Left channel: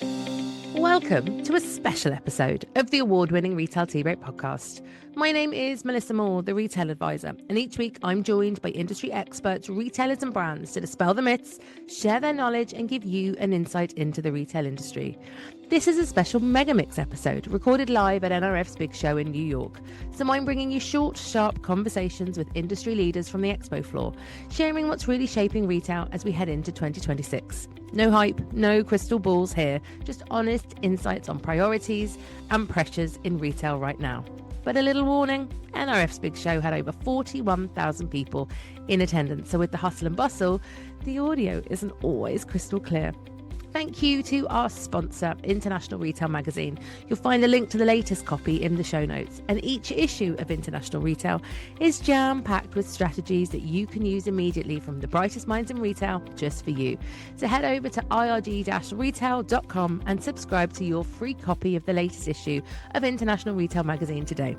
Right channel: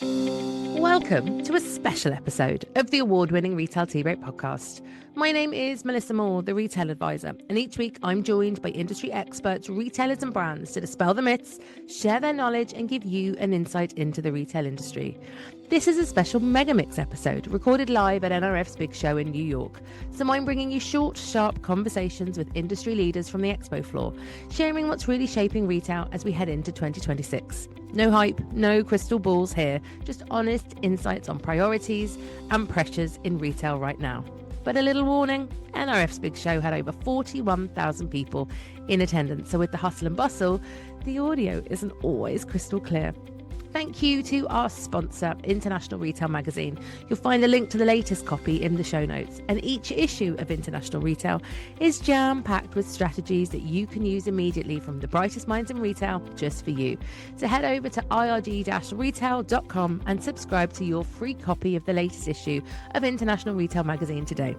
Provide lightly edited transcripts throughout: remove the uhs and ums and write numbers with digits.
Welcome to a special episode of the award-winning Retail Tea Break podcast. My name is Melissa Moore, the Retail Advisor, and each week I'm joined by industry experts, retailers and brands to dispel the myths, share their knowledge and give you an insight into the retail industry. This is a special megamix episode recorded live at NRF's big show in New York. So I'm bringing you short, sharp conversations with industry leaders from the expo floor, sharing what's really shaping retail as we head into 2026. No hype, no crystal balls here, just honest insights on priorities and pressures in retail right now. But a little warning, NRF's big show had over 41,000 people in attendance, so with the hustle and bustle, the audio isn't always crystal clear. Thank you to our sponsor, International Retail Magazine. You'll find a link to the latest copy in the show notes. And each issue of International Retail is jam-packed with strategies that you can use immediately from the brightest minds in retail just for you. So head over to irg-retail.com and subscribe to your free copy of the latest issue of International Retail Magazine today.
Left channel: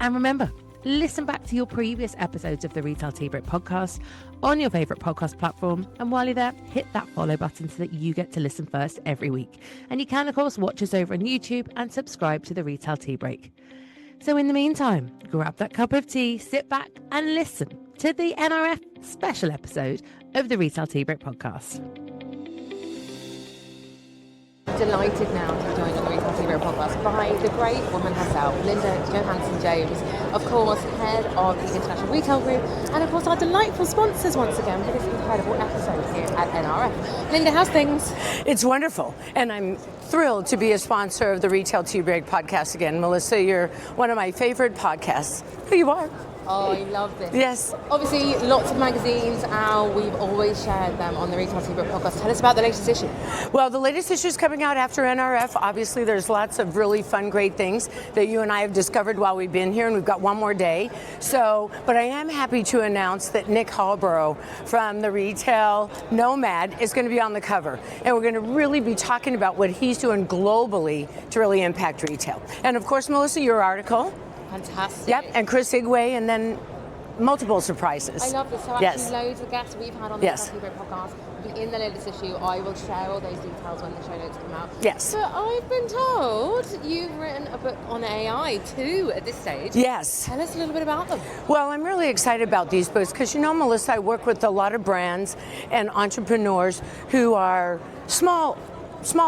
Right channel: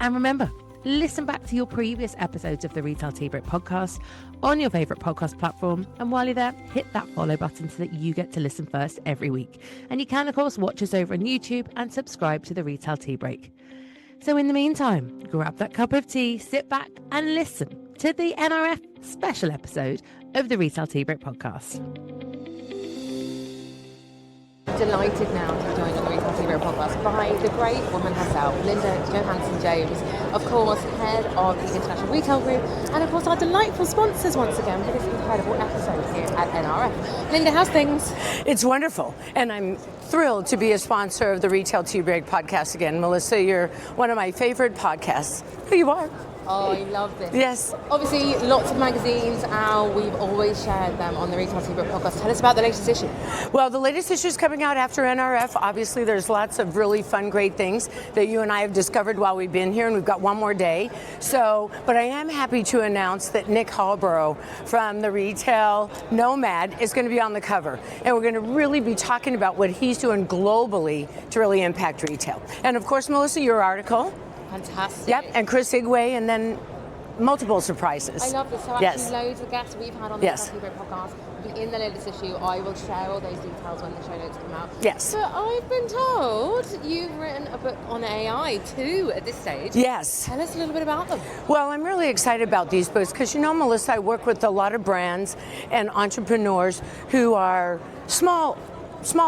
And remember, listen back to your previous episodes of the Retail Tea Break podcast on your favourite podcast platform. And while you're there, hit that follow button so that you get to listen first every week. And you can, of course, watch us over on YouTube and subscribe to the Retail Tea Break. So in the meantime, grab that cup of tea, sit back and listen to the NRF special episode of the Retail Tea Break podcast. Delighted now to be joined on the Retail Tea Break podcast by the great woman herself, Linda Johansen James, of course, head of the International Retail Group, and of course our delightful sponsors once again for this incredible episode here at NRF. Linda, how's things? It's wonderful, and I'm thrilled to be a sponsor of the Retail Tea Break podcast again. Melissa, you're one of my favorite podcasts. Here you are. Oh, I love this. Yes. Obviously, lots of magazines out. We've always shared them on the Retail Tea Break podcast. Tell us about the latest issue. Well, the latest issue is coming out after NRF. Obviously, there's lots of really fun, great things that you and I have discovered while we've been here, and we've got one more day. But I am happy to announce that Nick Hallborough from the Retail Nomad is going to be on the cover. And we're going to really be talking about what he's doing globally to really impact retail. And of course, Melissa, your article. Fantastic. Yep, and Chris Igwe, and then multiple surprises. I love this. So actually loads of guests we've had on the Retail Tea Break podcast will be in the latest issue. I will share all those details when the show notes come out. Yes. But I've been told you've written a book on AI too at this stage. Yes. Tell us a little bit about them. Well, I'm really excited about these books because, Melissa, I work with a lot of brands and entrepreneurs who are small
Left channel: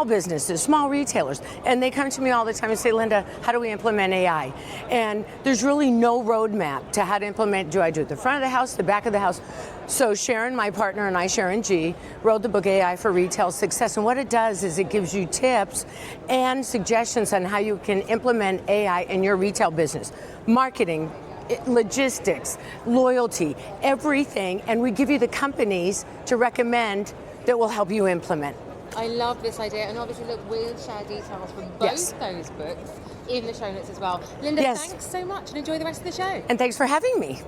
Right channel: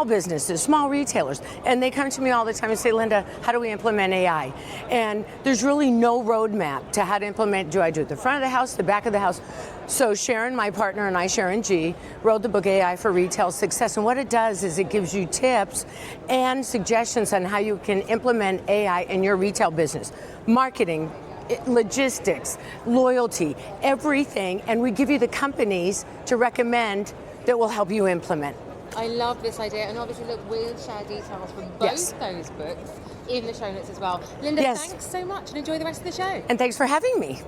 businesses, small retailers, and they come to me all the time and say, Linda, how do we implement AI? And there's really no roadmap to how to implement. Do I do it at the front of the house, the back of the house? So Sharon, my partner, and I, Sharon G, wrote the book AI for Retail Success. And what it does is it gives you tips and suggestions on how you can implement AI in your retail business. Marketing, logistics, loyalty, everything. And we give you the companies to recommend that will help you implement. I love this idea, and obviously, look, we'll share details from both those books in the show notes as well. Linda, thanks so much, and enjoy the rest of the show. And thanks for having me.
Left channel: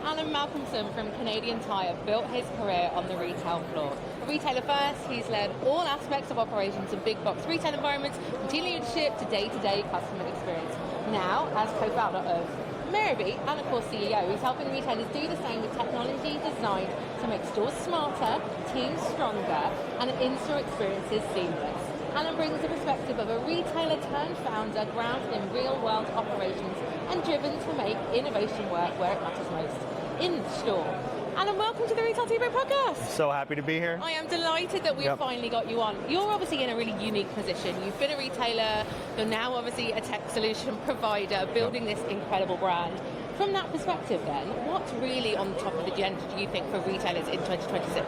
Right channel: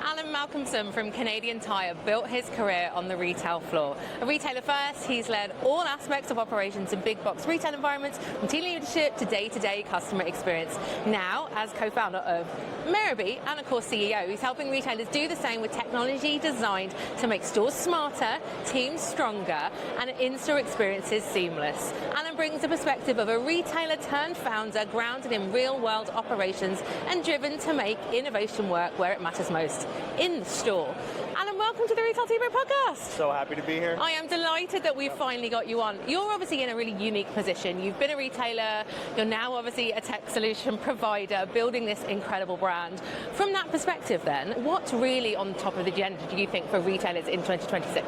Allan Malcomson from Canadian Tire built his career on the retail floor. A retailer first, he's led all aspects of operations in big box retail environments, from team leadership to day-to-day customer experience. Now, as co-founder of Meerby and of course CEO, he's helping retailers do the same with technology designed to make stores smarter, teams stronger, and in-store experiences seamless. Allan brings a perspective of a retailer turned founder grounded in real-world operations and driven to make innovation work where it matters most, in store. Allan, welcome to the Retail Tea Break podcast. So happy to be here. I am delighted that we've finally got you on. You're obviously in a really unique position. You've been a retailer, you're now obviously a tech solution provider, building this incredible brand. From that perspective then, what's really on top of the agenda, do you think, for retailers in 2026?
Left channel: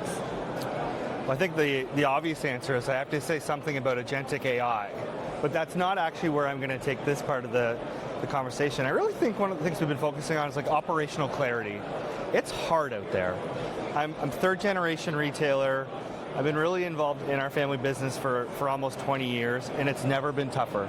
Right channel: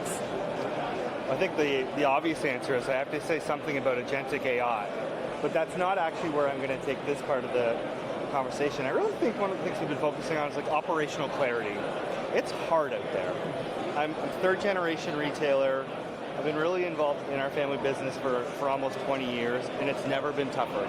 I think the obvious answer is I have to say something about agentic AI, but that's not actually where I'm going to take this part of the conversation. I really think one of the things we've been focusing on is like operational clarity. It's hard out there. I'm third generation retailer. I've been really involved in our family business for almost 20 years, and it's never been tougher.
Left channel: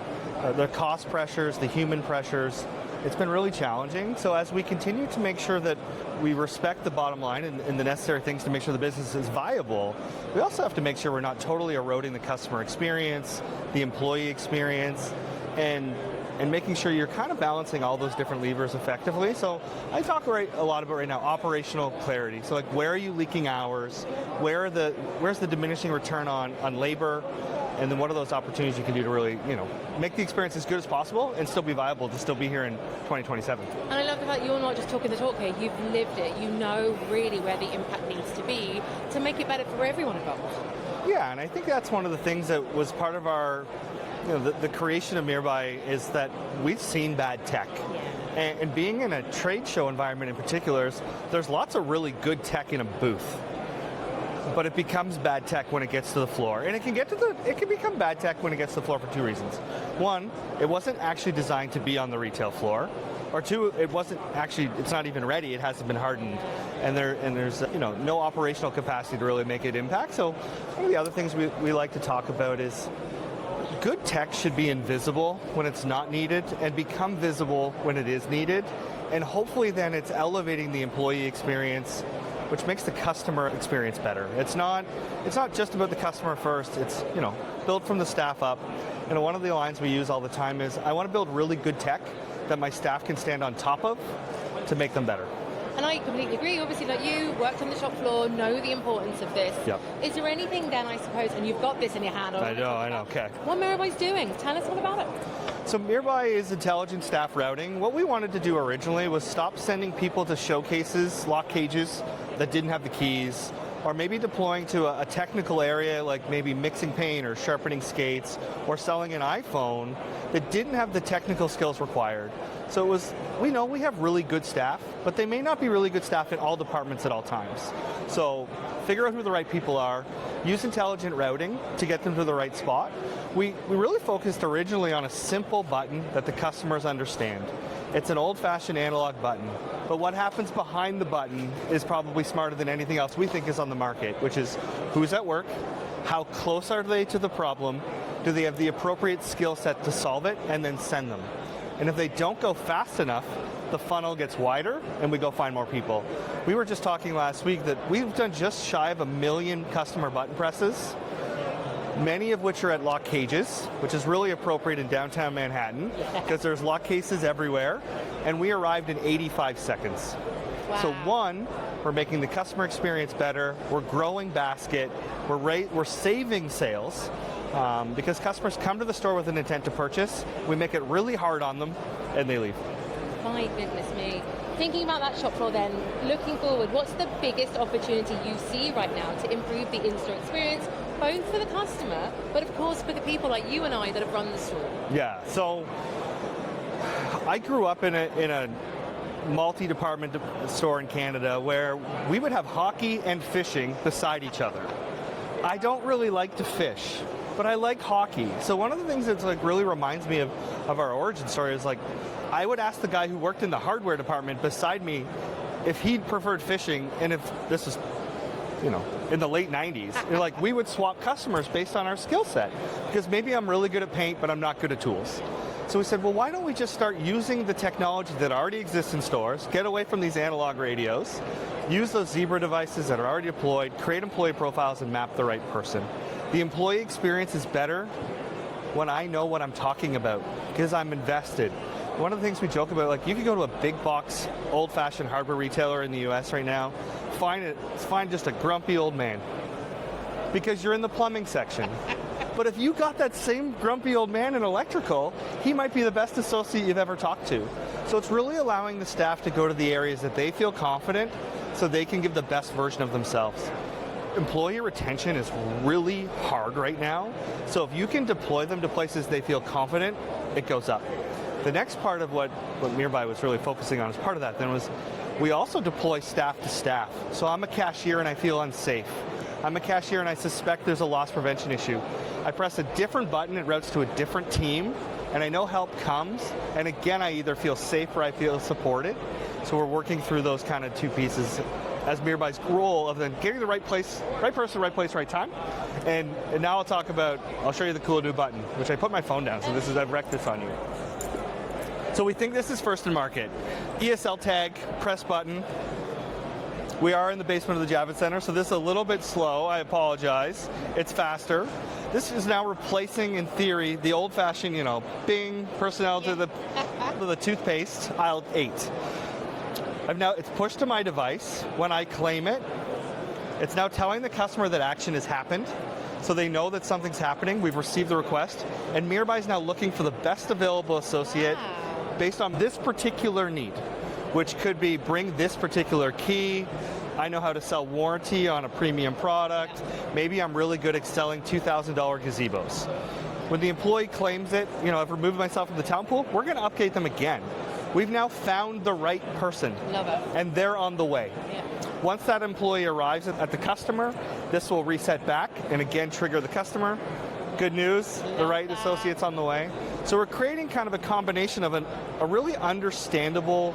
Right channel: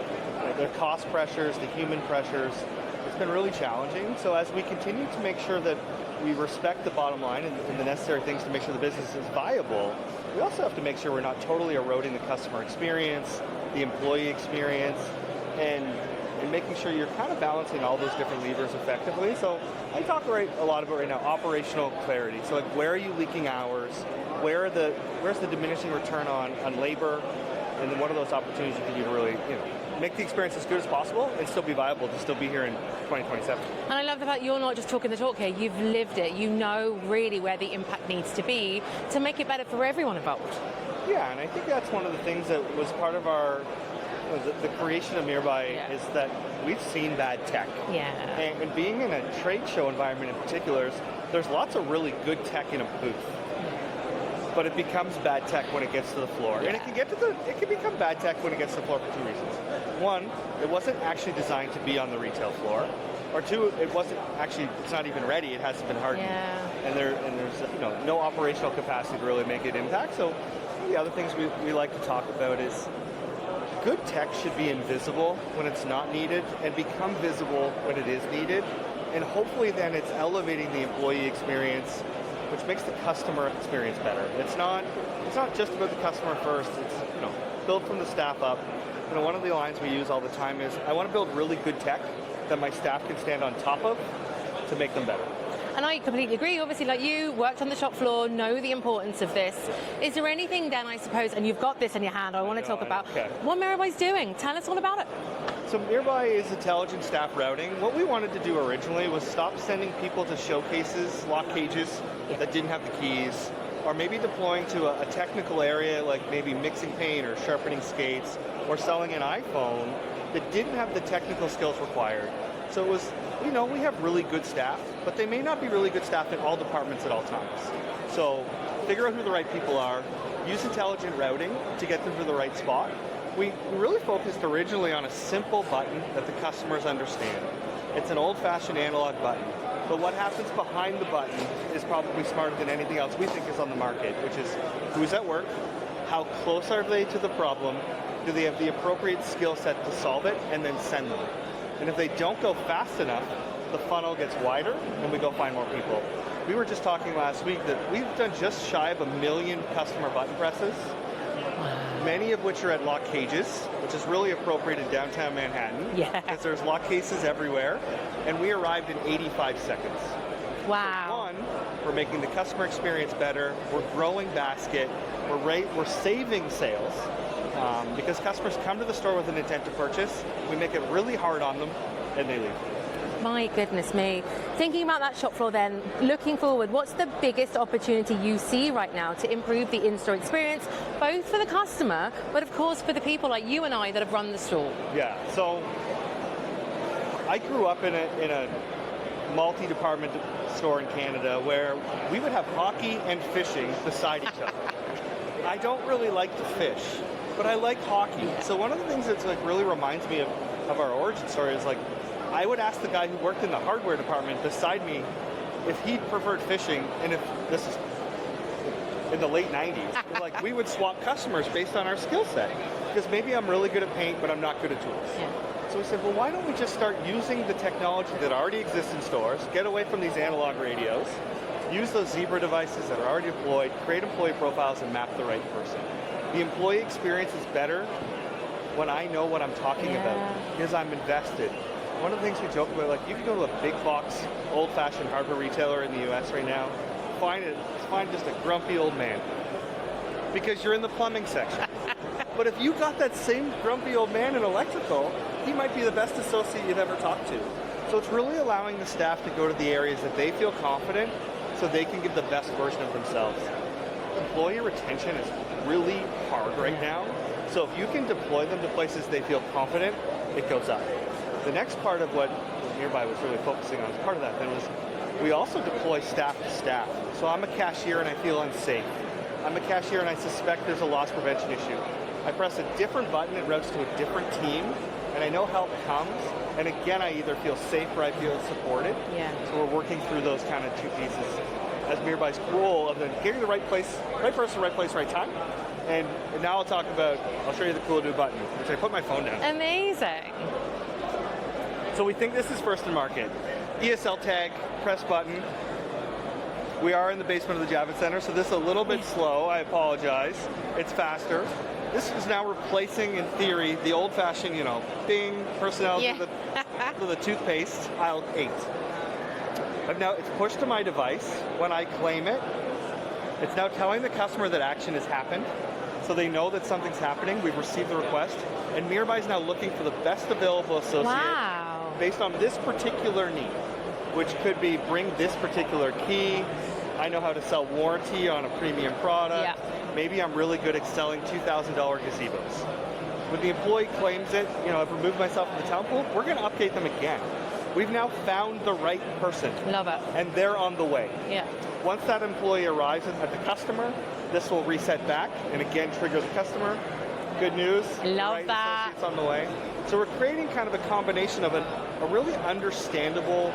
The cost pressures, the human pressures, it's been really challenging. So as we continue to make sure that we respect the bottom line and the necessary things to make sure the business is viable, we also have to make sure we're not totally eroding the customer experience, the employee experience, and and making sure you're kind of balancing all those different levers effectively. So I talk a lot about right now operational clarity. So like, where are you leaking hours? Where's the diminishing return on labor? And then what are those opportunities you can do to really, make the experience as good as possible and still be viable to still be here in 2027? And I love the fact you're not just talking the talk here, you've lived it. You know really where the impact needs to be to make it better for everyone involved. Yeah, and I think that's one of the things that was part of our, the creation of Meerby is that we've seen bad tech. Yeah. And being in a trade show environment in particular, there's lots of really good tech in a booth. But it becomes bad tech when it gets to the floor. And it can become bad tech when it gets to the floor for two reasons. One, it wasn't actually designed to be on the retail floor. Or two, it's not even ready, it hasn't been hardened. Yeah. And there's no operational capacity to really make it impact. So one of the other things we like to talk about is good tech should be invisible when it's not needed and become visible when it is needed. And hopefully then it's elevating the employee experience, which makes the customer experience better. It's not just about the customer first. It's build from the staff up. One of the lines we use all the time is, I want to build really good tech that my staff can stand on top of to make them better. And I completely agree. Obviously, like you, worked on the shop floor, know the importance of this. Yep. Is there anything then, I suppose, and you've got this in your hand, I want to talk about what Meerby's doing. Tell us all about it. So Meerby is intelligent staff routing. What we wanted to do originally was stop sending people to showcases, lock cages that didn't have the keys, or maybe deploying to a technical area like maybe mixing paint or sharpening skates, or selling an iPhone that didn't have the technical skills required. So we know we have really good staff, but they may not be really good staff in all departments at all times. So figure out who the right people are, use intelligent routing to get them to the right spot. We really focused originally on a simple button that the customers understand. It's an old-fashioned analog button, but what happens behind the button is probably smarter than anything else we think is on the market, which is who's at work, how close are they to the problem, do they have the appropriate skill set to solve it, and then send them. And if they don't go fast enough, the funnel gets wider and we go find more people. We were just talking last week that we've done just shy of 1 million customer button presses, many of which are at lock cages, which is really appropriate in downtown Manhattan because there's lock cases everywhere, and we arrived in 85 seconds. Wow. So one, we're making the customer experience better, we're growing basket, we're saving sales, because customers come to the store with an intent to purchase, we make it really hard on them, and they leave. My goodness me. Thinking about that shop floor then, looking forward, what's the biggest opportunity you see right now to improve the in-store experience, both for the customer, but of course for the people like you and I that have run the store? Yeah, so I grew up in a multi-department store in Canada where we would have hockey and fishing beside each other. I don't really like to fish, but I like hockey. So one of the things that's really reminds me of our origin story is I would ask the guy who worked in the hardware department beside me if he preferred fishing, and if this is, in the late 90s, we would swap customers based on our skill set. Because maybe I'm really good at paint, but I'm not good at tools. So we said, well, why don't we just start using the technology that already exists in stores, get away from these analog radios, use those Zebra devices that are already deployed, create employee profiles, and map the right person. The employee experience is better when I know what I'm talking about, because I'm invested. One of the things we joke about, you could go to a big box, old-fashioned hardware retailer in the US right now, find just a grumpy old man, because you're in the plumbing section. But if you got that same grumpy old man in electrical, he might be the best associate you've ever talked to. So it's really allowing the staff to go to the areas that they feel confident so they can give the best version of themselves. Employee retention is really hard right now, so if you can deploy them to places they feel confident, it goes up. The next part of what Meerby was really focusing on as part of that then was we also deploy staff to staff. So I'm a cashier and I feel unsafe. I'm a cashier and I suspect there's a loss prevention issue. I press a different button, it routes to a different team, and I know help comes, and again, I either feel safe or I feel supported. Yeah. So we're working through those kind of two pieces as Meerby's role of then getting the right person, right place, right time. And now I'll show you the cool new button, which I put my phone down, so Amazing. This is that breakfast on it. So we think this is first in market. ESL tag, press button. We are in the basement of the Javits Center, so this is a little bit slow. I apologize. It's faster. This is now replacing, in theory, the old-fashioned, Bing personality with a toothpaste, aisle 8. It's pushed to my device. When I claim it, it's now telling the customer that action has happened, so they know that something's happening. We've received the request, and Meerby is now looking for the best available associate based on this particular need, which could be bring this particular key. I know how to sell warranty on a premium product. Maybe I'm really good at selling $2,000 gazebos. When the employee claims it, I've removed myself from the talent pool, we're going to update them again. We've now found the right person. Love it. And they're on the way. Yeah. Once that employee arrives at the customer, this will reset back and again trigger the customer. Good news, the right associate's on the way. So we're creating kind of a combination of a really understandable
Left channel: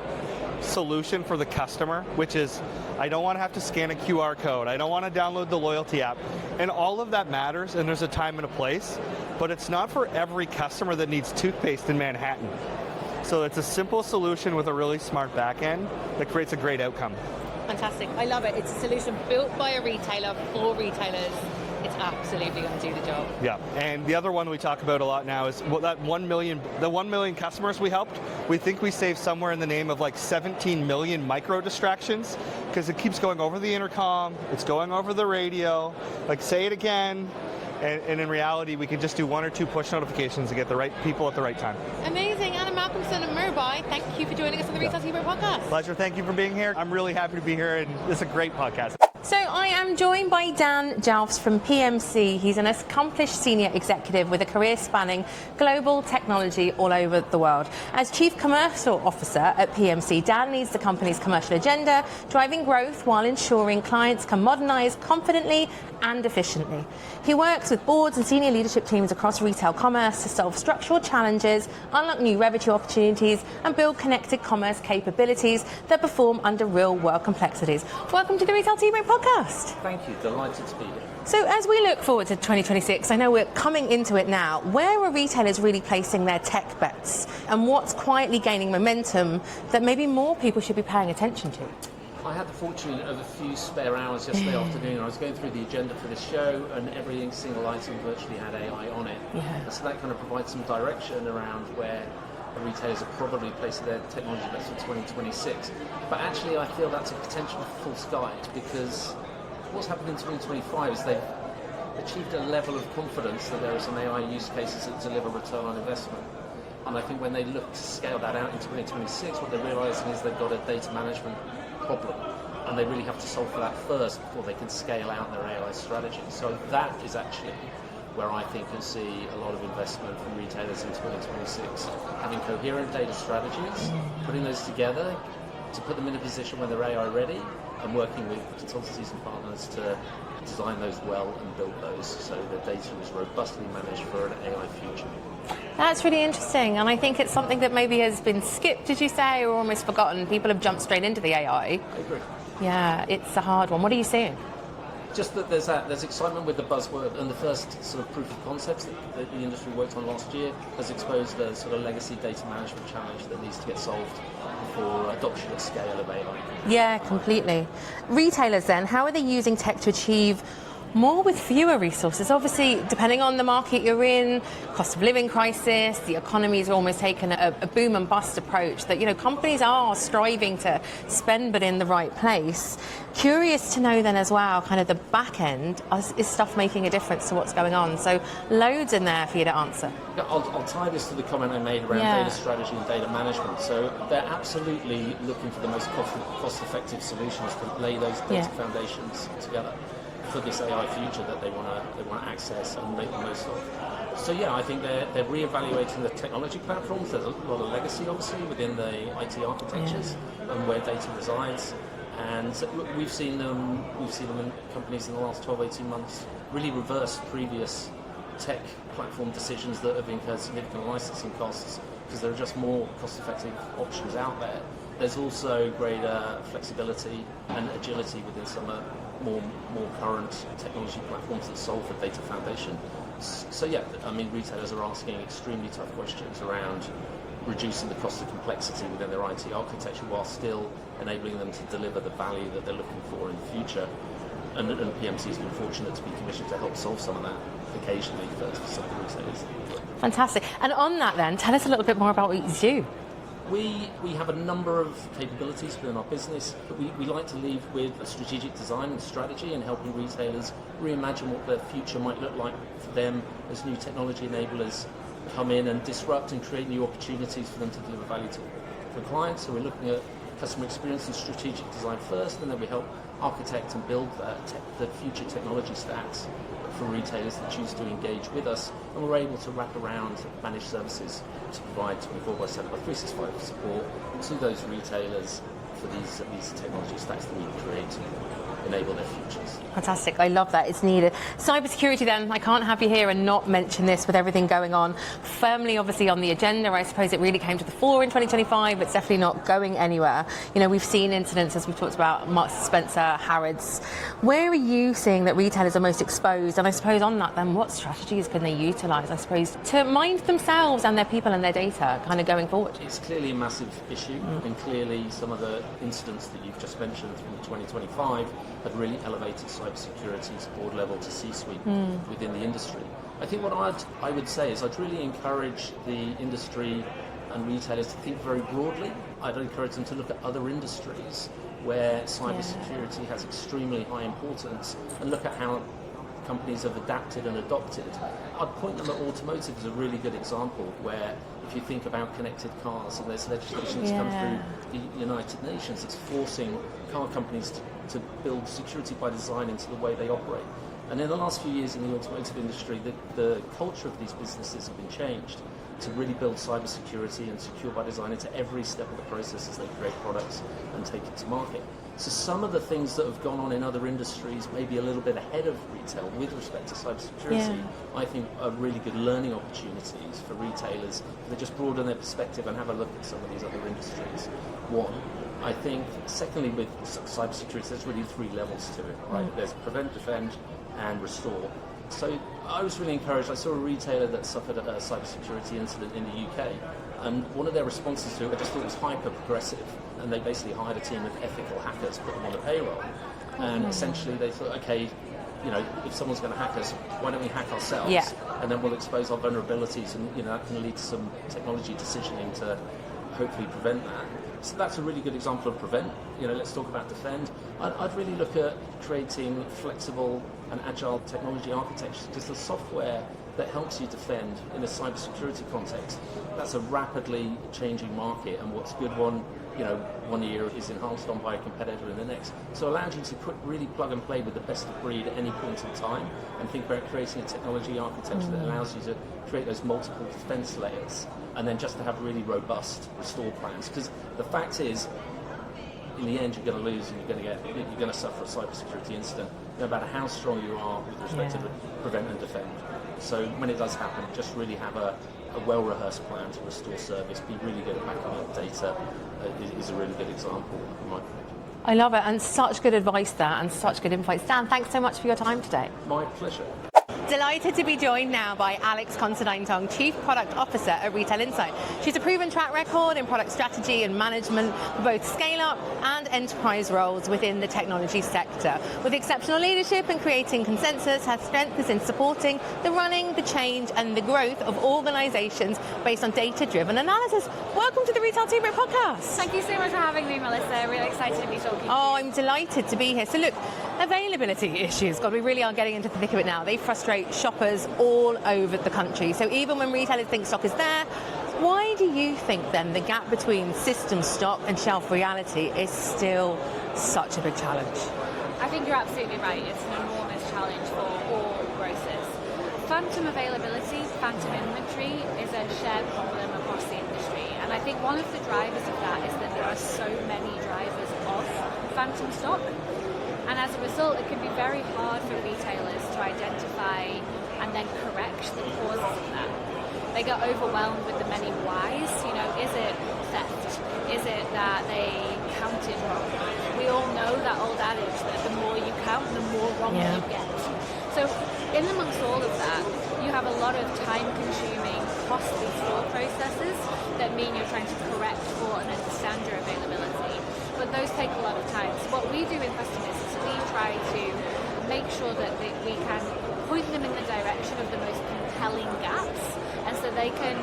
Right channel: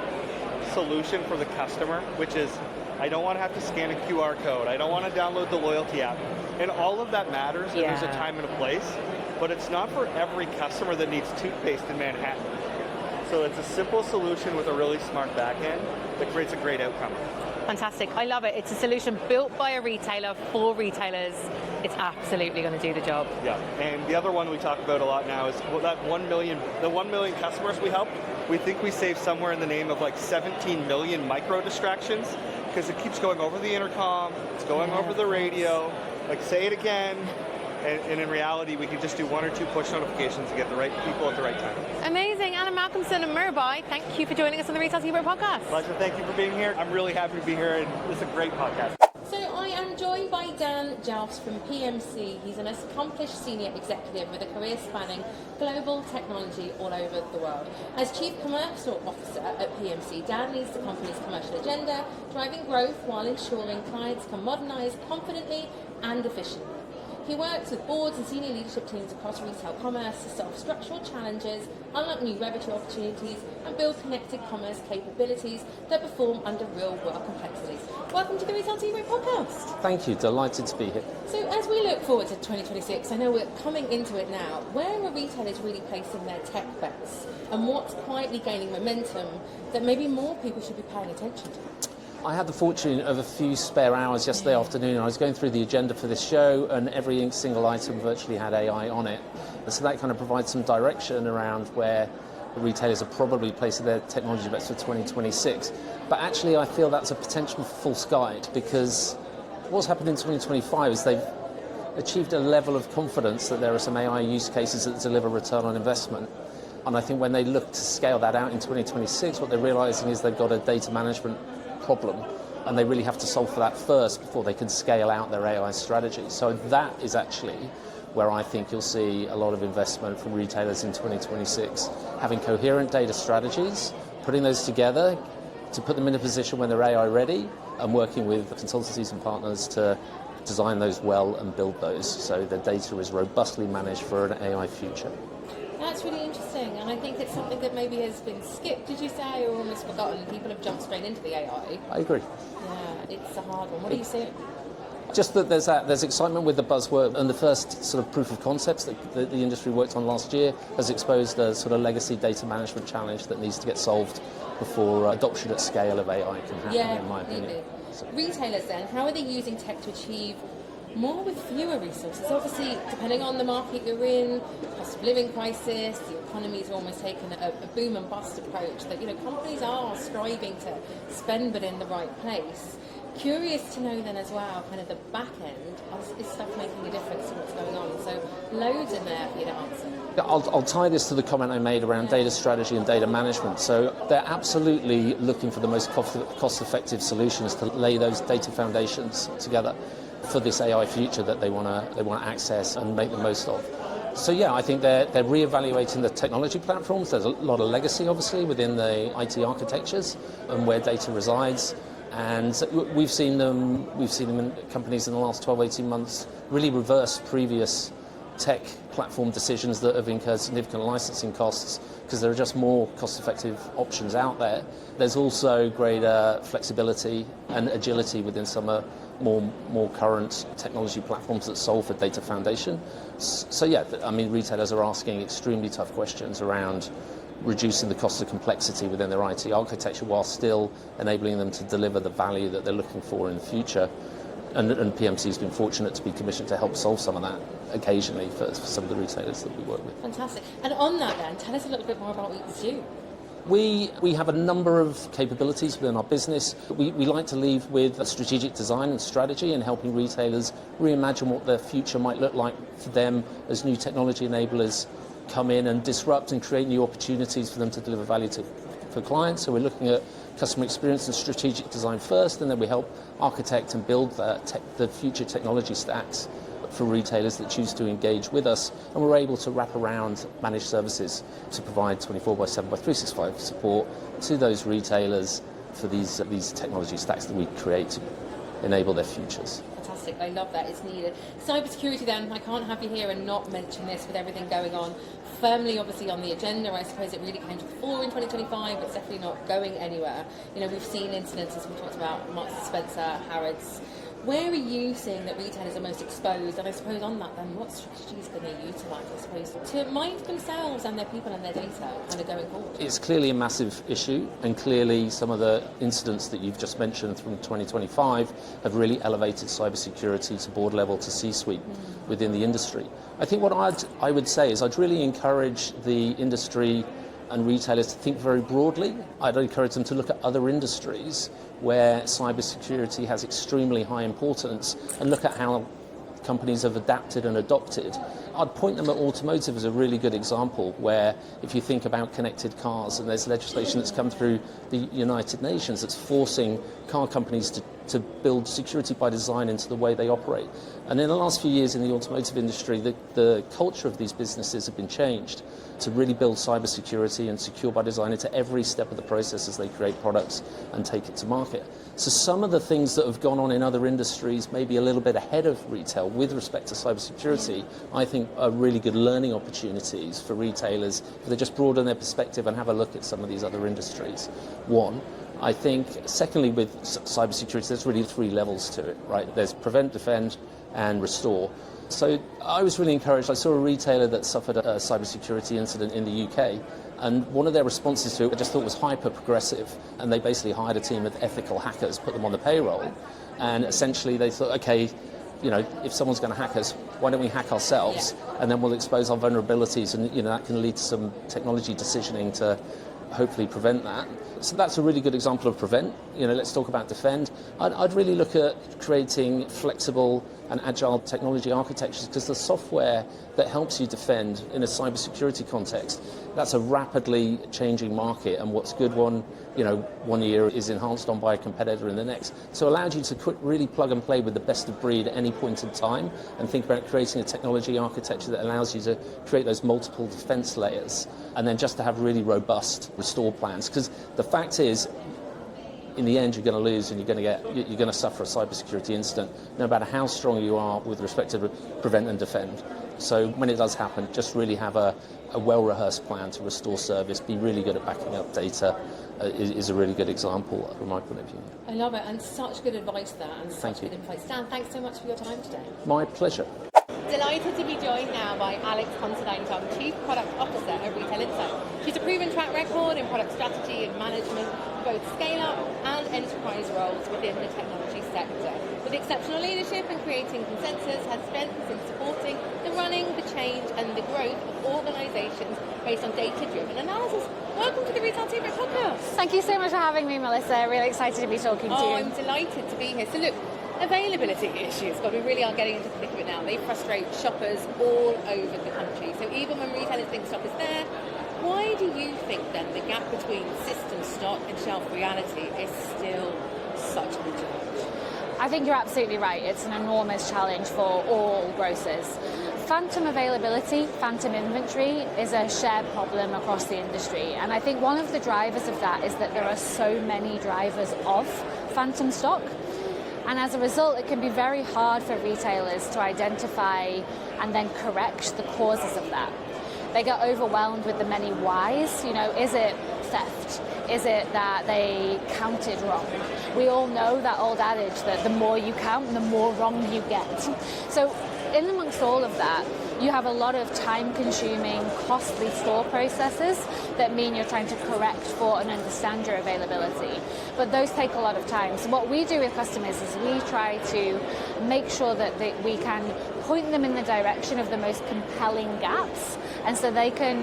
solution for the customer, which is, I don't want to have to scan a QR code. I don't want to download the loyalty app. And all of that matters, and there's a time and a place, but it's not for every customer that needs toothpaste in Manhattan. So it's a simple solution with a really smart back end that creates a great outcome. Fantastic. I love it. It's a solution built by a retailer for retailers. It's absolutely going to do the job. Yeah, and the other one we talk about a lot now is that 1 million customers we helped. We think we saved somewhere in the name of like 17 million micro distractions, because it keeps going over the intercom, it's going over the radio, like say it again. And in reality, we can just do 1 or 2 push notifications to get the right people at the right time. Amazing. Allan, Malcomson and Meerby, thank you for joining us on the Retail Team Podcast. Pleasure. Thank you for being here. I'm really happy to be here, and this is a great podcast. So I am joined by Dan Jalfs from PMC. He's an accomplished senior executive with a career spanning global technology all over the world. As Chief Commercial Officer at PMC, Dan leads the company's commercial agenda, driving growth while ensuring clients can modernize confidently and efficiently. He works with boards and senior leadership teams across retail commerce to solve structural challenges, unlock new revenue opportunities, and build connected commerce capabilities that perform under real-world complexities. Welcome to the Retail Team Podcast. Thank you, delighted to be here. So as we look forward to 2026, I know we're coming into it now, where are retailers really placing their tech bets, and what's quietly gaining momentum that maybe more people should be paying attention to? I had the fortune of a few spare hours yesterday afternoon. I was going through the agenda for this show, and every single item virtually had AI on it. So that kind of provides some direction around where the retailers are probably placing their technology bets for 2026. But actually, I feel that's a potential false guide, because what's happened in 2025 is they've achieved a level of confidence that there are some AI use cases that deliver return on investment. And I think when they look to scale that out in 2026, what they're realizing is they've got a data management problem, and they really have to solve for that first before they can scale out their AI strategy. So that is actually where I think you'll see a lot of investment from retailers in 2026, having coherent data strategies, putting those together to put them in a position when they're AI ready, and working with consultancies and partners to design those well and build those so the data is robustly managed for an AI future. That's really interesting, and I think it's something that maybe has been skipped, did you say, or almost forgotten. People have jumped straight into the AI. I agree. Yeah, it's a hard one. What are you seeing? Just that there's excitement with the buzzword, and the first sort of proof of concepts that the industry worked on last year has exposed a sort of legacy data management challenge that needs to get solved before adoption at scale of AI can happen. Yeah, completely. Retailers then, how are they using tech to achieve more with fewer resources? Obviously, depending on the market you're in, cost of living crisis, the economy's almost taken a boom and bust approach that, companies are striving to spend but in the right place. Curious to know then as well, kind of the back end, is stuff making a difference to what's going on? So loads in there for you to answer. I'll tie this to the comment I made around data strategy and data management. So they're absolutely looking for the most cost-effective solutions to lay those data foundations together for this AI future that they want to access and make the most of. So I think they're reevaluating the technology platforms. There's a lot of legacy, obviously, within the IT architectures and where data resides. And we've seen them in companies in the last 12, 18 months really reverse previous tech platform decisions that have incurred significant licensing costs, because there are just more cost-effective options out there. There's also greater flexibility and agility within some more current technology platforms that solve for data foundation. So retailers are asking extremely tough questions around reducing the cost of complexity within their IT architecture while still enabling them to deliver the value that they're looking for in the future. And PMC's been fortunate to be commissioned to help solve some of that occasionally for some of the retailers that we work with. Fantastic. And on that then, tell us a little bit more about what you do. We have a number of capabilities within our business. We like to lead with a strategic design and strategy and helping retailers reimagine what their future might look like for them as new technology enablers come in and disrupt and create new opportunities for them to deliver value for clients. So we're looking at customer experience and strategic design first, and then we help architect and build the future technology stacks for retailers that choose to engage with us, and we're able to wrap around managed services to provide 24/7/365 support to those retailers for these technology stacks that we create to enable their futures. Fantastic, I love that, it's needed. Cybersecurity then, I can't have you here and not mention this with everything going on. Firmly obviously on the agenda, I suppose it really came to the fore in 2025, it's definitely not going anywhere. You know, we've seen incidents, as we talked about, Marks & Spencer, Harrods. Where are you seeing that retailers are most exposed? And I suppose on that then, what strategies can they utilise, I suppose, to mind themselves and their people and their data kind of going forward? It's clearly a massive issue, and clearly some of the incidents that you've just mentioned from 2025 have really elevated cybersecurity to board level, to C-suite within the industry. I think what I would say is I'd really encourage the industry and retailers to think very broadly. I'd encourage them to look at other industries where cybersecurity has extremely high importance and look at how companies have adapted and adopted. I'd point them at automotive as a really good example, where if you think about connected cars, and there's legislation that's come through the United Nations that's forcing car companies to build security by design into the way they operate. And in the last few years in the automotive industry, the culture of these businesses have been changed to really build cybersecurity and secure by design into every step of the process as they create products and take it to market. So some of the things that have gone on in other industries, maybe a little bit ahead of retail with respect to cybersecurity, I think are really good learning opportunities for retailers if they just broaden their perspective and have a look at some of these other industries. One. I think, secondly, with cybersecurity, there's really three levels to it, right? There's prevent, defend, and restore. So I was really encouraged. I saw a retailer that suffered a cybersecurity incident in the UK, and one of their responses to it I just thought was hyper progressive, and they basically hired a team of ethical hackers, put them on the payroll, and essentially they thought, okay, you know, if someone's going to hack us, why don't we hack ourselves, and then we'll expose our vulnerabilities, and you know that can lead to some technology decisioning to hopefully prevent that. So that's a really good example of prevent. You know, let's talk about defend. I'd really look at creating flexible and agile technology architectures, because the software that helps you defend in a cybersecurity context, that's a rapidly changing market, and what's good one year is enhanced on by a competitor in the next. So it allows you to really plug and play with the best of breed at any point in time, and think about creating a technology architecture that allows you to create those multiple defense layers, and then just to have really robust restore plans. Because the fact is, in the end, you're going to lose, and you're going to suffer a cybersecurity incident, no matter how strong you are with respect to prevent and defend. So when it does happen, just really have a well-rehearsed plan to restore service, be really good at backing up data, is a really good example from my point of view. I love it, and such good advice there, and such good insights. Dan, thanks so much for your time today. My pleasure. Delighted to be joined now by Alex Considine-Tong, Chief Product Officer at Retail Insight. She's a proven track record in product strategy and management for both scale-up and enterprise roles within the technology sector. With exceptional leadership and creating consensus, her strength is in supporting the running, the change and the growth of organisations based on data-driven analysis. Welcome to the Retail Team Rate Podcast. Thank you so much for having me, Melissa. Really excited to be talking to you. Oh, I'm delighted to be here. So look, availability issues, God, we really are getting into the thick of it now. They frustrate shoppers all over the country. So even when retailers think stock is there, why do you think then the gap between system stock and shelf reality is still such a big challenge? I think you're absolutely right. It's an enormous challenge for all grocers. Phantom availability, phantom inventory is a shared problem across the industry. And I think one of the drivers of that is that there are so many drivers of phantom stock. And as a result, it can be very hard for retailers to identify and then correct the causes of that. They get overwhelmed with the many whys. You know, is it theft? Is it that they counted wrong? We all know that old adage that the more you count, the more wrong you get. So in amongst all of that, you have a lot of time-consuming, costly store processes that mean you're trying to correct for and understand your availability. But those take a lot of time. So what we do with customers is we try to make sure that we can point them in the direction of the most compelling gaps, and so they can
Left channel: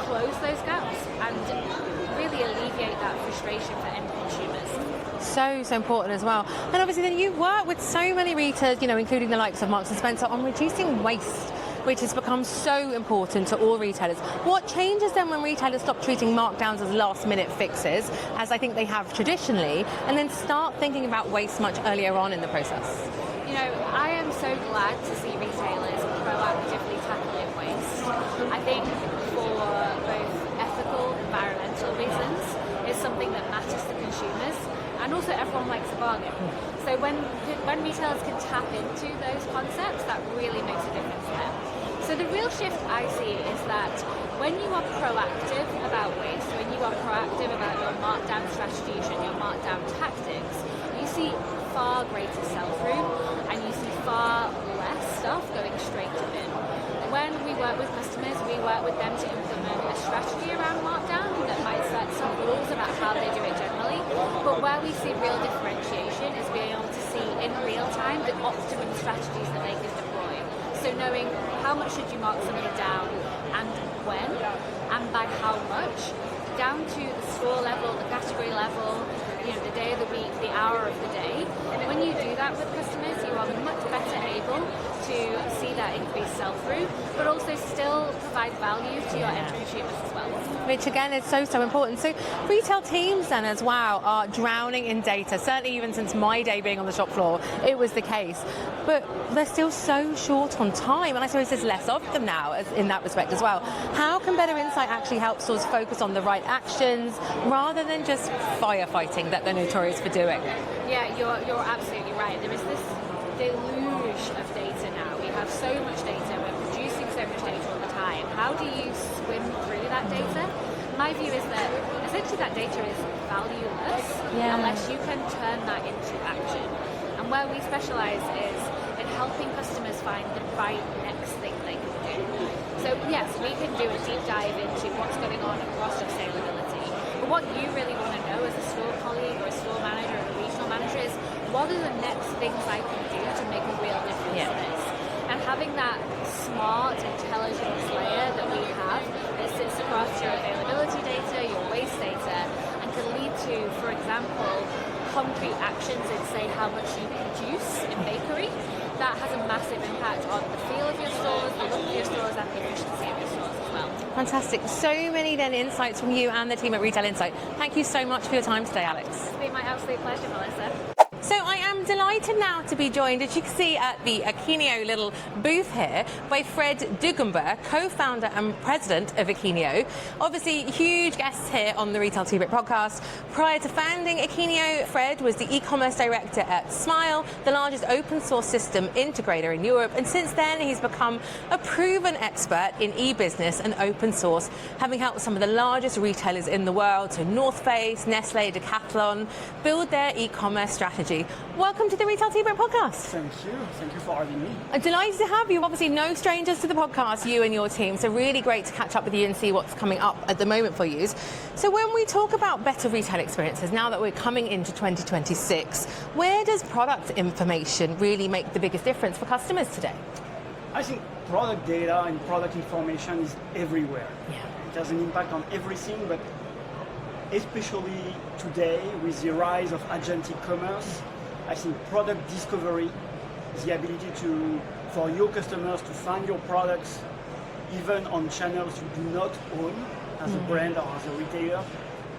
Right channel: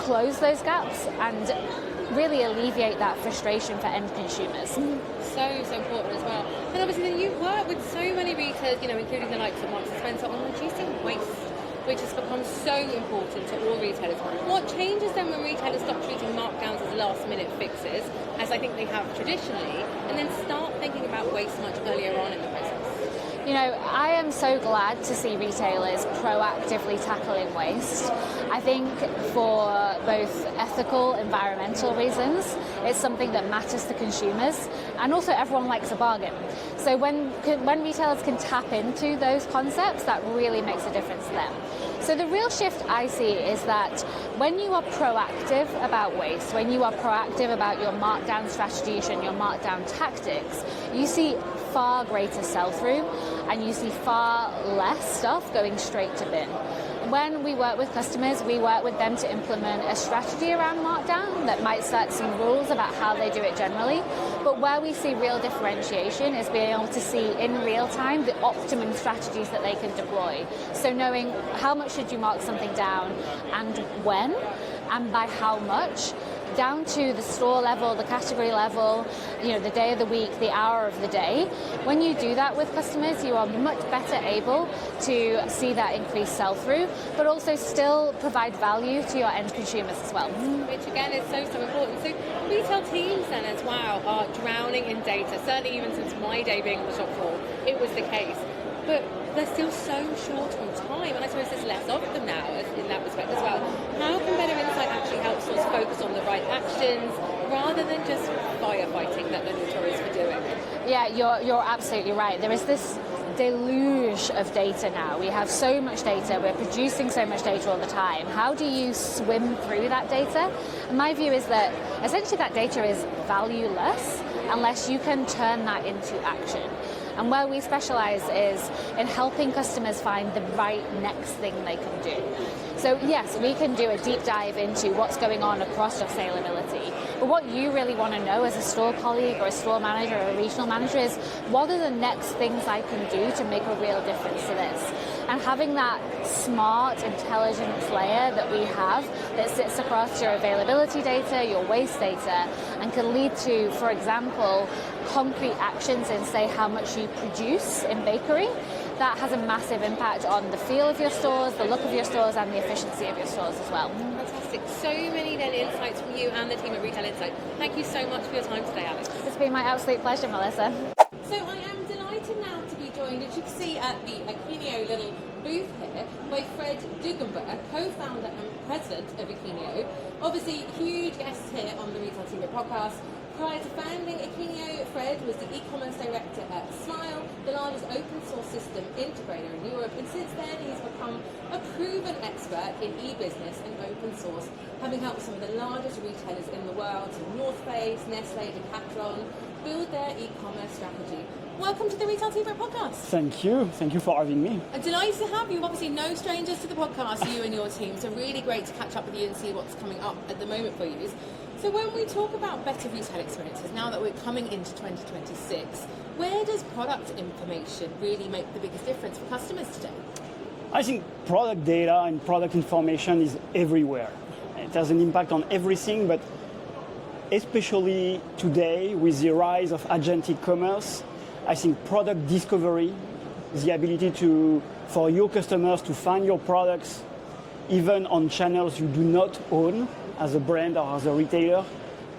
close those gaps and really alleviate that frustration for end consumers. So important as well. And obviously then you work with so many retailers, including the likes of Marks & Spencer, on reducing waste, which has become so important to all retailers. What changes then when retailers stop treating markdowns as last-minute fixes, as I think they have traditionally, and then start thinking about waste much earlier on in the process? I am so glad to see retailers proactively tackling waste. I think for both ethical, environmental reasons, it's something that matters to consumers, and also everyone likes a bargain. So when retailers can tap into those concepts, that really makes a difference to them. So the real shift I see is that when you are proactive about waste, when you are proactive about your markdown strategies and your markdown tactics, you see far greater sell-through and you see far less stuff going straight to bin. When we work with customers, we work with them to implement a strategy around markdown that might set some rules about how they do it generally, but where we see real differentiation is being able to see in real time the optimum strategies that they can deploy. So knowing how much should you mark something down and when and by how much, down to the store level, the category level, the day of the week, the hour of the day. When you do that with customers, you are much better able to see that increased sell-through, but also still provide value to your end consumers as well. Which again is so important. So retail teams then as well are drowning in data. Certainly even since my day being on the shop floor, it was the case. But they're still so short on time, and I suppose there's less of them now in that respect as well. How can better insight actually help stores focus on the right actions rather than just firefighting that they're notorious for doing? Yeah, you're absolutely right. There is this deluge of data now. We have so much data, we're producing so much data all the time. How do you swim through that data? My view is that essentially that data is valueless unless you can turn that into action. And where we specialise is in helping customers find the right next thing they can do. So yes, we can do a deep dive into what's going on across stock saleability. But what you really want to know as a store colleague or a store manager or a regional manager is what are the next things I can do to make a real difference to this? And having that smart intelligence layer that we have that sits across your availability data, your waste data, and can lead to, for example, concrete actions in, say, how much you produce in bakery, that has a massive impact on the feel of your stores, the look of your stores, and the efficiency of your stores as well. Fantastic. So many then insights from you and the team at Retail Insight. Thank you so much for your time today, Alex. It's been my absolute pleasure, Melissa. So I am delighted now to be joined, as you can see at the Akinio little booth here, by Fred Dugenberg, co-founder and president of Akinio. Obviously, huge guests here on the Retail Tea Break podcast. Prior to founding Akinio, Fred was the e-commerce director at Smile, the largest open source system integrator in Europe. And since then, he's become a proven expert in e-business and open source, having helped some of the largest retailers in the world, so North Face, Nestle, Decathlon, build their e-commerce strategy. Welcome to the Retail Tea Break podcast. Thank you for having me. I'm delighted to have you. Obviously, no strangers to the podcast, you and your team. So really great to catch up with you and see what's coming up at the moment for you. So when we talk about better retail experiences, now that we're coming into 2026, where does product information really make the biggest difference for customers today? I think product data and product information is everywhere. Yeah. It has an impact on everything, but especially today with the rise of agentic commerce, I think product discovery, the ability for your customers to find your products even on channels you do not own as a brand or as a retailer,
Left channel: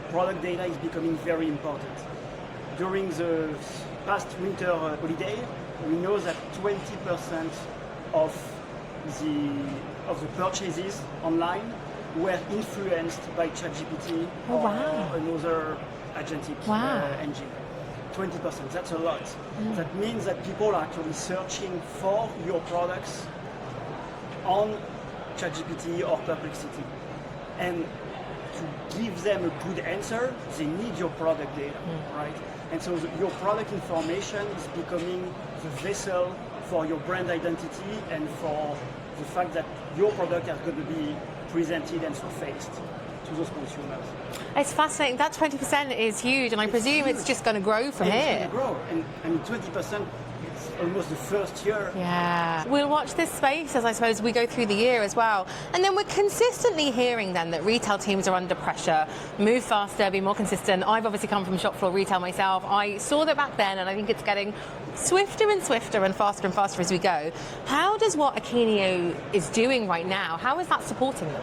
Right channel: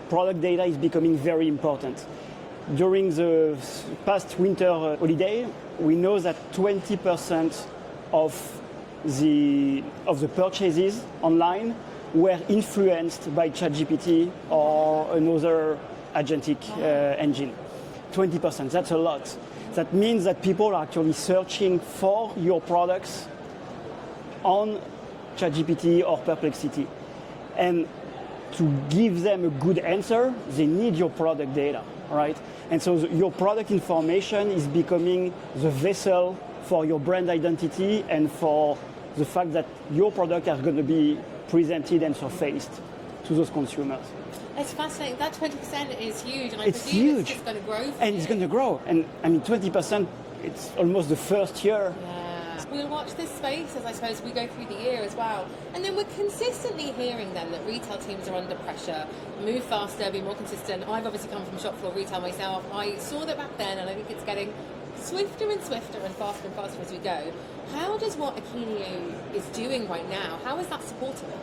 product data is becoming very important. During the past winter holiday, we know that 20% of the purchases online were influenced by ChatGPT or another agentic engine. 20%, that's a lot. That means that people are actually searching for your products on ChatGPT or Perplexity. And to give them a good answer, they need your product data, right? And so your product information is becoming the vessel for your brand identity and for the fact that your product are going to be presented and surfaced to those consumers. It's fascinating. That 20% is huge, and I presume it's just going to grow from and here. It's going to grow, and I mean 20%. It's almost the first year. Yeah. We'll watch this space as I suppose we go through the year as well. And then we're consistently hearing then that retail teams are under pressure, move faster, be more consistent. I've obviously come from shop floor retail myself. I saw that back then, and I think it's getting swifter and swifter and faster as we go. How does what Akeneo is doing right now, how is that supporting them?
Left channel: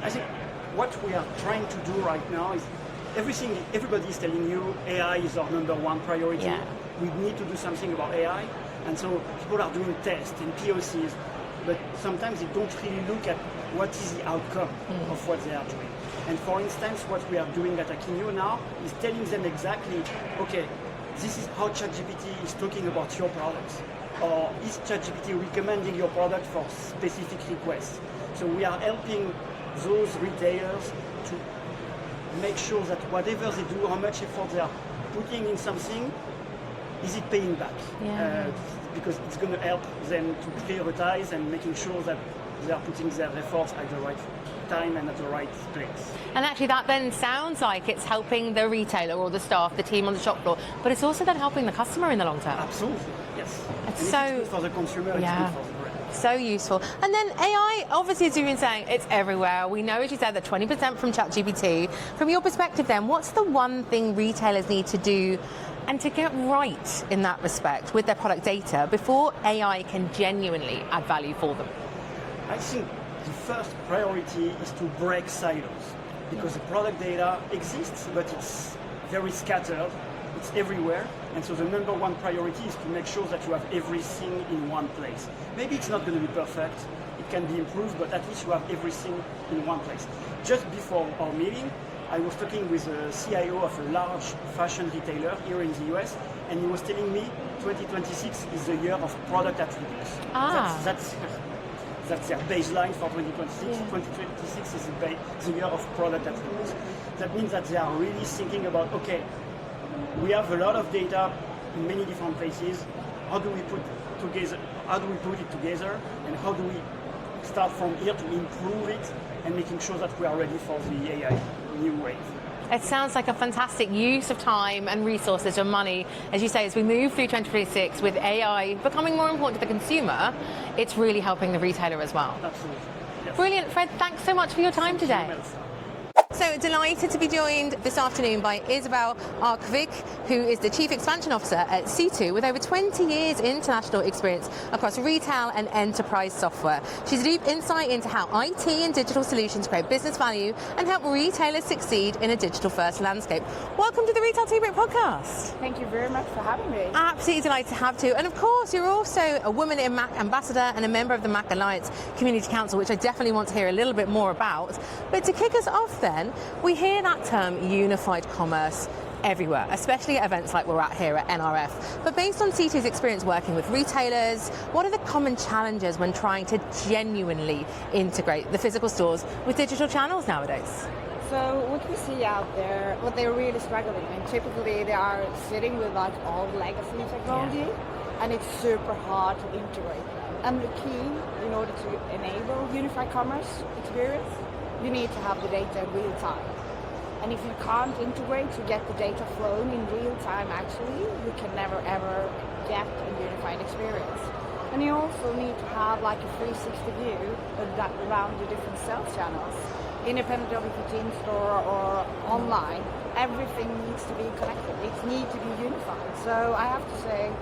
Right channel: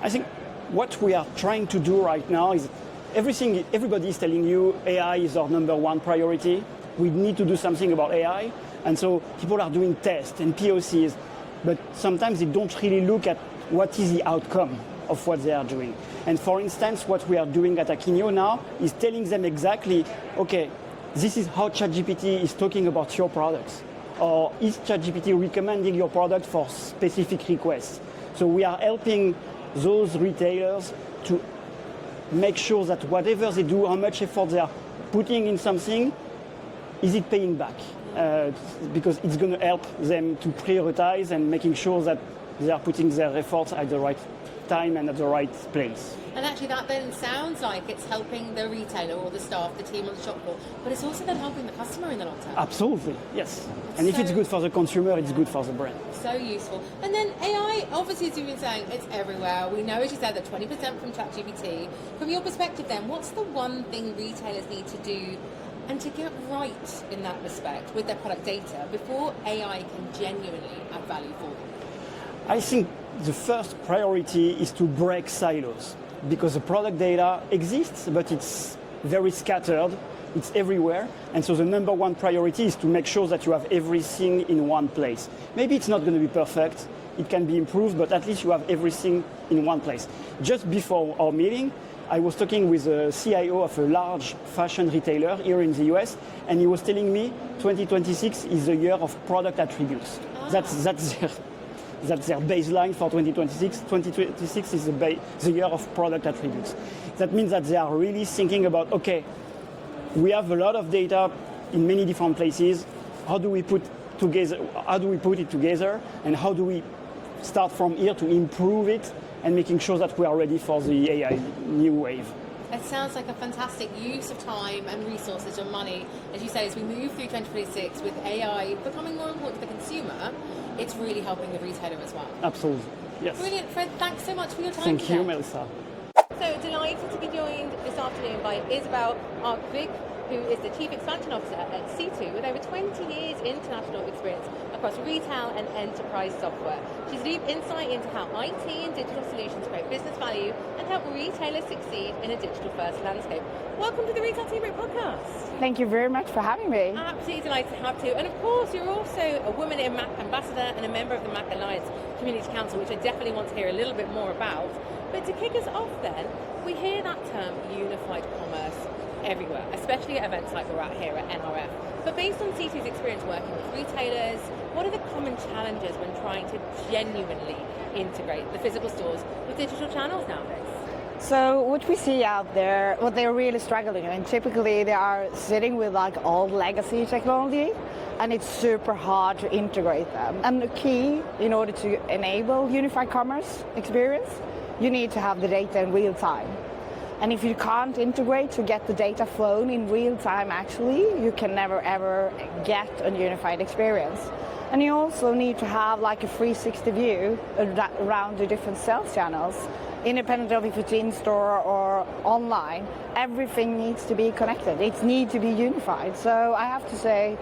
I think what we are trying to do right now is everybody is telling you AI is our number one priority. Yeah. We need to do something about AI, and so people are doing tests and POCs, but sometimes they don't really look at what is the outcome of what they are doing. And for instance, what we are doing at Akeneo now is telling them exactly, okay, this is how ChatGPT is talking about your products, or is ChatGPT recommending your product for specific requests. So we are helping those retailers to make sure that whatever they do, how much effort they are putting in something, is it paying back? Yeah. Because it's going to help them to prioritize and making sure that they are putting their efforts at the right time and at the right place. And actually that then sounds like it's helping the retailer or the staff, the team on the shop floor, but it's also then helping the customer in the long term. Absolutely, yes. It's and if it's good for the consumer, it's Yeah. good for the brand. So useful. And then AI, obviously, as you've been saying, it's everywhere. We know, as you said, that 20% from ChatGPT. From your perspective then, what's the one thing retailers need to do and to get right in that respect with their product data before AI can genuinely add value for them? I think the first priority is to break silos, because the product data exists, but it's very scattered, it's everywhere, and so the number one priority is to make sure that you have everything in one place. Maybe it's not going to be perfect, it can be improved, but at least you have everything in one place. Just before our meeting, I was talking with a CIO of a large fashion retailer here in the US, and he was telling me 2026 is the year of product attributes. That's their baseline for 2026. Yeah. 2026 is the year of product attributes. That means that they are really thinking about, okay, we have a lot of data in many different places. How do we put it together, and how do we start from here to improve it and making sure that we are ready for the AI new wave? It sounds like a fantastic use of time and resources and money. As you say, as we move through 2026 with AI becoming more important to the consumer, it's really helping the retailer as well. Absolutely. Yes. Brilliant, Fred. Thanks so much for your time today. Thank you, Melissa. So delighted to be joined this afternoon by Isabel Arkvik, who is the Chief Expansion Officer at C2 with over 20 years international experience across retail and enterprise software. She's a deep insight into how IT and digital solutions create business value and help retailers succeed in a digital-first landscape. Welcome to the Retail Tea Break podcast. Thank you very much for having me. Absolutely delighted to have to. And of course, you're also a Woman in Mac ambassador and a member of the Mac Alliance Community Council, which I definitely want to hear a little bit more about. But to kick us off then, we hear that term unified commerce everywhere, especially at events like we're at here at NRF. But based on C2's experience working with retailers, what are the common challenges when trying to genuinely integrate the physical stores with digital channels nowadays? So what we see out there, what they're really struggling, and typically they are sitting with like old legacy technology, and it's super hard to integrate them. And the key, in order to enable unified commerce experience, you need to have the data in real time. And if you can't integrate to get the data flowing in real time, actually, you can never ever get a unified experience. And you also need to have like a 360 view around the different sales channels. Independent of if it's in store or online, everything needs to be connected. It needs to be unified. So I have to say,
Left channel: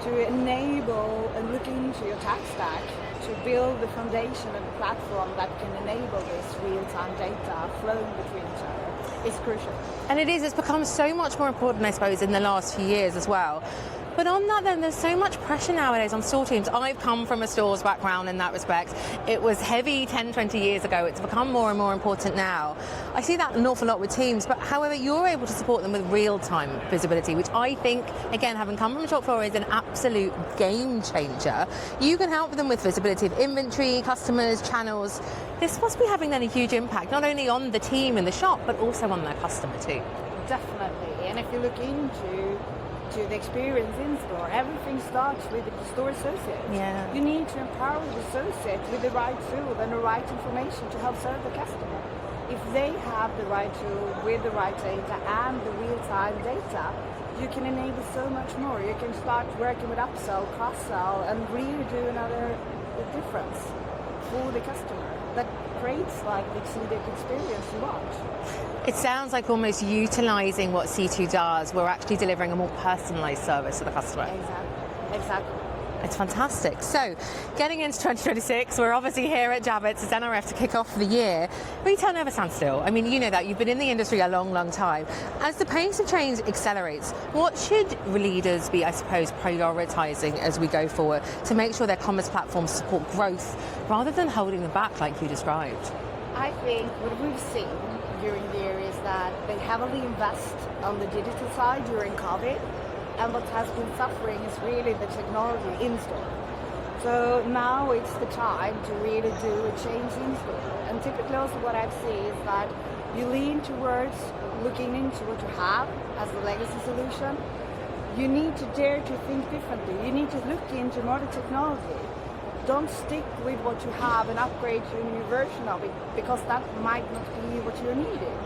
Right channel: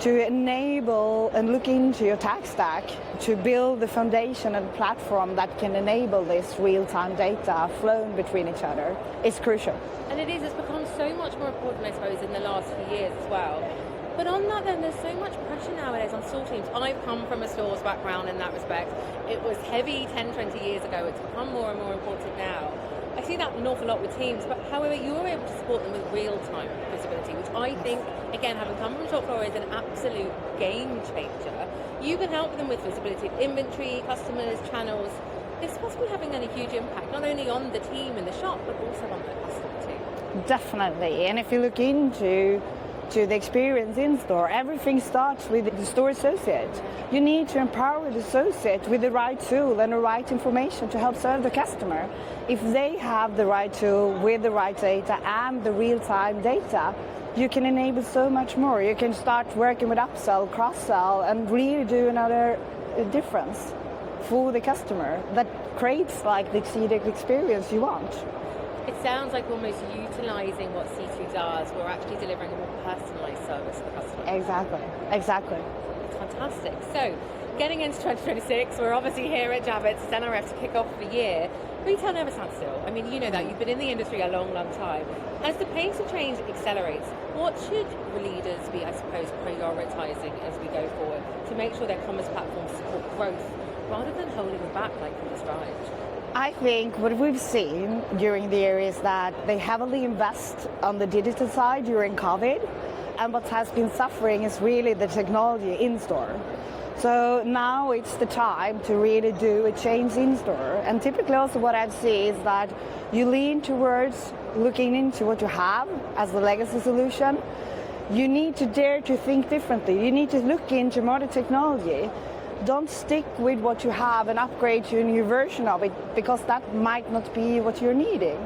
to enable and look into your tech stack, to build the foundation and platform that can enable this real-time data flowing between each other is crucial. And it's become so much more important, I suppose, in the last few years as well. But on that then, there's so much pressure nowadays on store teams. I've come from a stores background in that respect. It was heavy 10, 20 years ago. It's become more and more important now. I see that an awful lot with teams, but however, you're able to support them with real-time visibility, which I think, again, having come from shop floor, is an absolute game changer. You can help them with visibility of inventory, customers, channels. This must be having then a huge impact, not only on the team in the shop, but also on their customer too. Definitely. And if you look into to the experience in store. Everything starts with the store associate. Yeah. You need to empower the associate with the right tool and the right information to help serve the customer. If they have the right tool with the right data and the real-time data, you can enable so much more. You can start working with upsell, cross-sell, and really do another difference for the customer that creates like the exceeding experience you want. It sounds like almost utilising what C2 does, we're actually delivering a more personalised service to the customer. Exactly. It's fantastic. So, getting into 2026, we're obviously here at Javits as NRF to kick off the year. Retail never stands still. I mean, you know that. You've been in the industry a long, long time. As the pace of change accelerates, what should leaders be, I suppose, prioritising as we go forward to make sure their commerce platforms support growth rather than holding them back like you described? I think what we've seen during the year is that they heavily invest on the digital side during COVID. And what has been suffering is really the technology in store. So now it's the time to really do a change in store. And typically also what I've seen is that you lean towards looking into what you have as the legacy solution. You need to dare to think differently. You need to look into modern technology. Don't stick with what you have and upgrade to a new version of it, because that might not be what you're needing.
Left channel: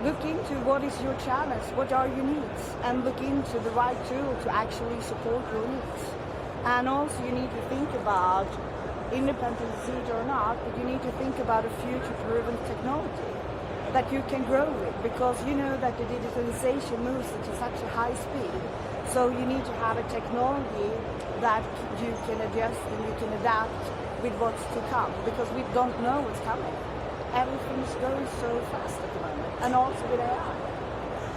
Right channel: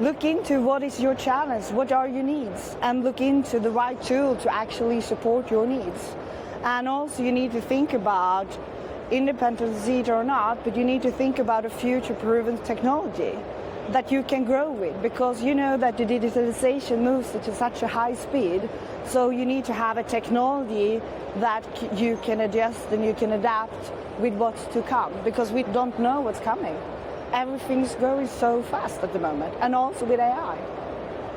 Look into what is your challenge, what are your needs, and look into the right tool to actually support your needs. And also you need to think about, independent or not, but you need to think about a future-proven technology that you can grow with, because you know that the digitalization moves at such a high speed, so you need to have a technology that you can adjust and you can adapt with what's to come, because we don't know what's coming. Everything's going so fast at the moment, and also with AI.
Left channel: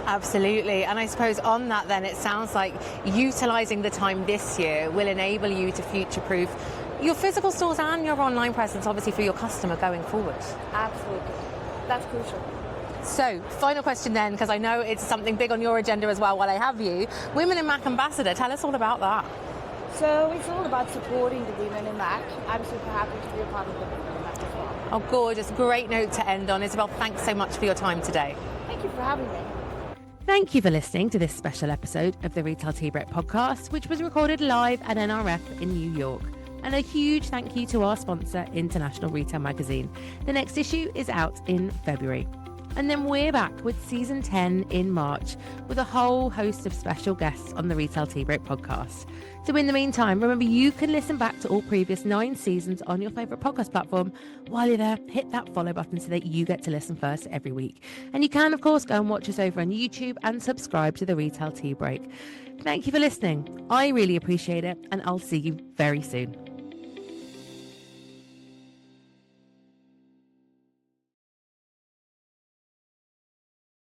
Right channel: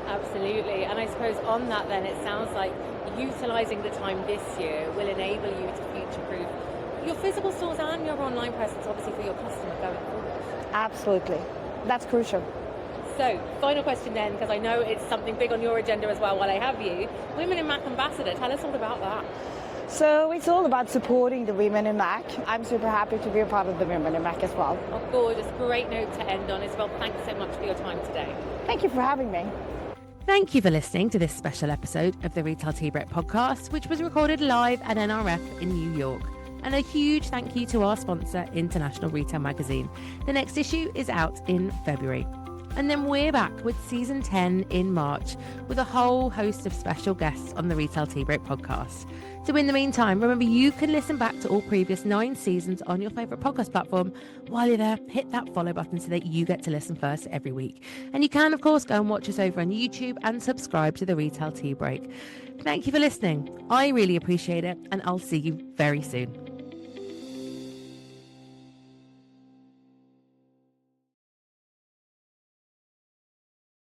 Absolutely. And I suppose on that then, it sounds like utilising the time this year will enable you to future-proof your physical stores and your online presence, obviously, for your customer going forward. Absolutely. That's crucial. So, final question then, because I know it's something big on your agenda as well while I have you. Women in Mac Ambassador, tell us all about that. So it's all about supporting the women in Mac. I'm super happy to be a part of the women in Mac as well. Oh, gorgeous. Great note to end on. Isabel, thanks so much for your time today. Thank you for having me. Thank you for listening to this special episode of the Retail Tea Break podcast, which was recorded live at NRF in New York. And a huge thank you to our sponsor, International Retail Magazine. The next issue is out in February. And then we're back with season 10 in March with a whole host of special guests on the Retail Tea Break podcast. So in the meantime, remember you can listen back to all previous 9 seasons on your favourite podcast platform. While you're there, hit that follow button so that you get to listen first every week. And you can, of course, go and watch us over on YouTube and subscribe to the Retail Tea Break. Thank you for listening. I really appreciate it, and I'll see you very soon.